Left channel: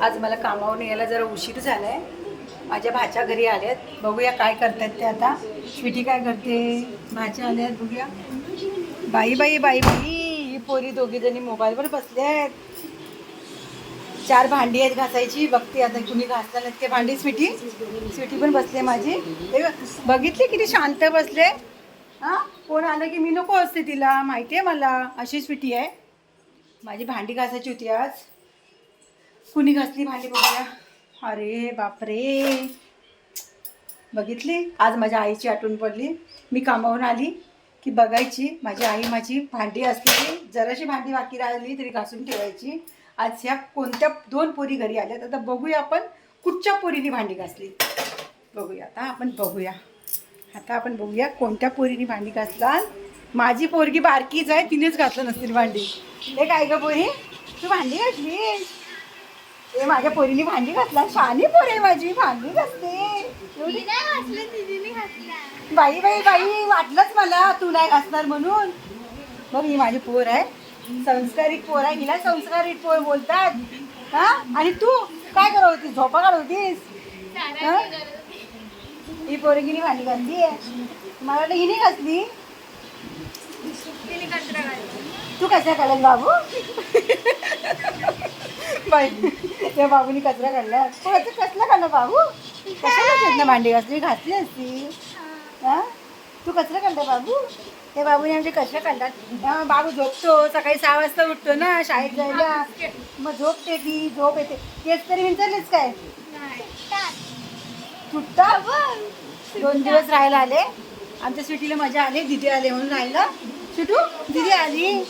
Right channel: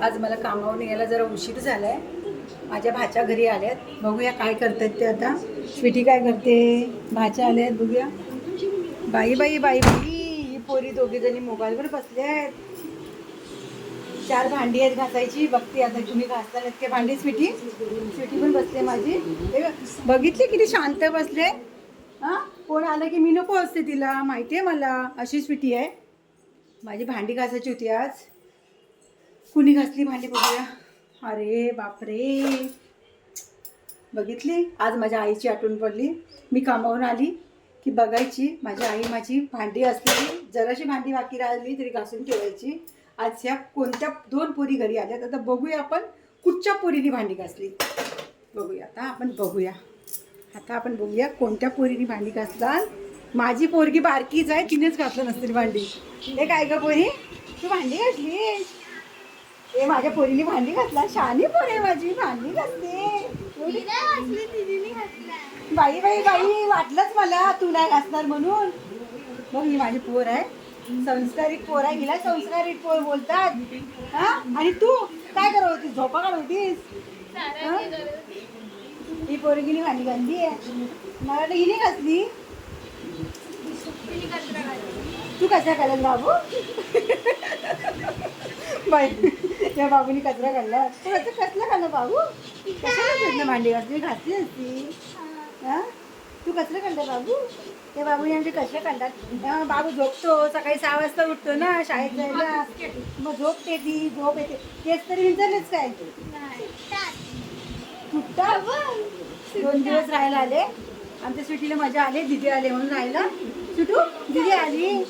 आज मला कामावरून यायला जरा उशीर झालाय. माझ्या भाच्या घरी आल्यात. बघूया काय करतात ते आता. स्वीटी काय करते? भाच्या आल्यात बघूया. बाई बाई बाई बाई. ही पोरी दोघी जणी मोबाईलवर बसले आहेत. चार भांडी आहेत घासायची. बघते आता कुणी घासतात ते भांडी. स्वीटी? स्वीटी पण बसले माझी. हे बघितली किती शांत बसले? हां? कोण आलं की मी नको असते तिला? माहिती आहे मला. अशी स्वीटी आहे. माझी भांडी घासायची होती आज. कुणी घासली भांडी बघूया? अरे बापरे. बघितली? आज माझ्या आईची आठवण पडली. मी कामावून आली की बघायची. माझी आई माझी भांडी असलेली जराशी भांडी बाकी राहिली तरी घासून ठेवायची. आज ह्या कोणत्या दोन पोरी घरी आल्यात आता बघूया आपण कुठच्या पोरीने भांडी घासली. बघूया आता आपण बघूया. आता आपण बघूया कोणत्या पोरीने भांडी घासतात माझी पोरगी बारकीच आहे तिनेच घातलं नसतील भांडी. हे काय ग पोरी? तू भांडी घातली ए माझ्या पोरीने भांडी घातला शानी पोर माझी. भांडी घासते. बाई बाई बाई वाटलंच मला. तू नाही घासणार म्हणून. बघ ही माझी पोर आहे. संस्कारिक पोर आहे. हिला संस्कारिक पोर बोलतात. हा? आणि तू काय करत होतीस झोपा काढत होतीस हा? पोरगीने भांडी घातली आहे. मला वाटलं हिने घातली तू कशा काढत बाबू बाई. त्या बाबूनी कचरा काढला. कसला काढला बाबू? कशाला काढलं भांडी घासली? घातली असती. हा? तू कचरा काढला बाबू? त्या बाबूने आमचे काढतात हा, बाबू झोपतो. सकाळी सहा वाजता उठतो ना शाळेत जायला. मग झोपते ती झोप येते. तेच तरी विचारलेच काय? तुटता दोन दिवस राहायला आले. आमच्या सिटीला मजा आली. दिदी आले म्हणून राहायला. सुटू? दिदी आली.